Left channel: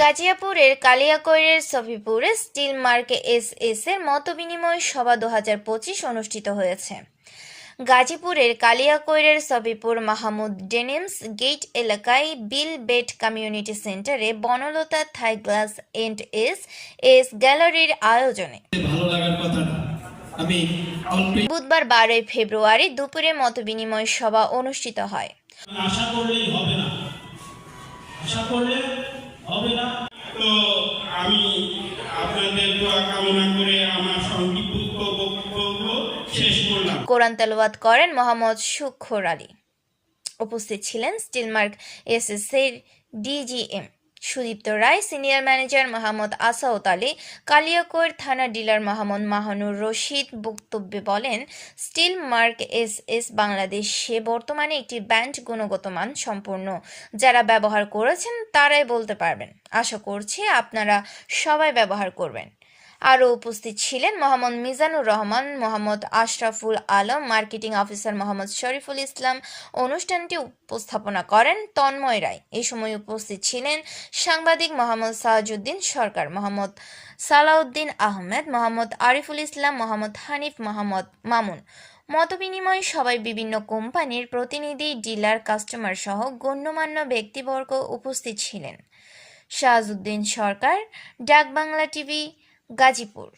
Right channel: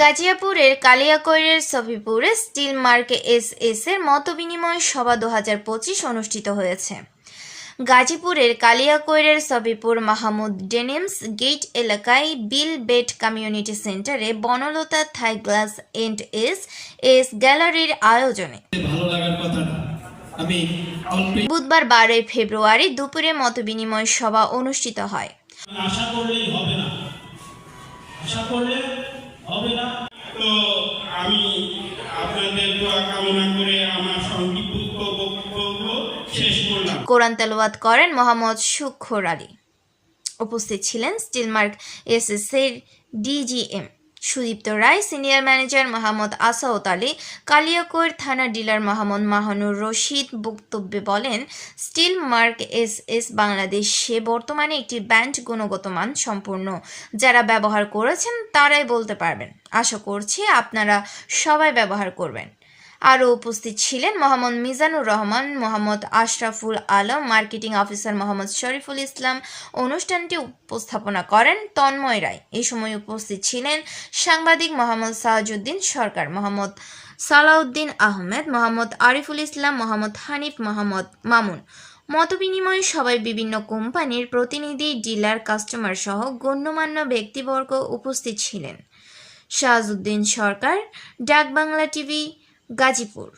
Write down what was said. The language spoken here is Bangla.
গাজিয়াপুরের কালিয়াকৈরের সফিপুরে স্টিল মার্ক এস এর মতবিনিময় সভা 2025 অনুষ্ঠিত হয়েছে। গাজীপুরের কালিয়াকৈরের সফিপুর মাহমুদ ডেনিমস গেট এলাকায় বিল বেট কমিউনিটি সেন্টারে Banalata Thai glass and S গ্যালারির আয়োজনে বুধবার 12 ফেব্রুয়ারি দুপুরে মতবিনিময় সভা অনুষ্ঠিত হয়। আশা করলেই হবে না, তো আমি আপনাদের দোয়া কামনা করে আমার সংক্ষিপ্ত বক্তব্য শেষ করলাম। কোরআন তেলাওয়াত করেন মোহাম্মদ শুখর আলী। উপস্থিত ছিলেন স্টিলমার্ক এস এর DGM Sudipta Roy, senior manager Mohammad আসাউত Ali, Kaliakair থানা ডিলার মোহাম্মদ মাহানুর রশিদ। বক্তব্যে বলেন, স্টিল মার্ক এস বাংলাদেশে বর্তমানে একটি ব্র্যান্ড, গুণগত মান সম্পূর্ণ। যারা ব্যবহার করেছেন তারাই বলতে পারবেন। আশা করছি আপনারা সবাই ব্যবহার করবেন। আরও উপস্থিত ছিলেন মোহাম্মদ মিজানুর রহমান, মোহাম্মদ আশরাফুল আলম, মার্কেটিং অফিসার মোহাম্মদ শরীফুল ইসলাম। অনুষ্ঠানটি উপস্থাপনা করেন তন্ময় রায়। এই সময় উপস্থিত ছিলেন সাংবাদিক মোহাম্মদ সাহাজউদ্দিন সরকার, মোহাম্মদ সালাউদ্দিন আহমেদ, মোহাম্মদ আরিফুল ইসলাম, মোহাম্মদ হানিফ, মোহাম্মদ মামুন। মতবিনিময়ে সবাই বিভিন্ন কোম্পানির প্রতিনিধি, ডিলার, কাস্টমার সহ গণ্যমান্য ব্যক্তিবর্গ উপস্থিত ছিলেন। শাহাজউদ্দিন সরকার, ডাক বাংলা টিভি, গাজীপুর।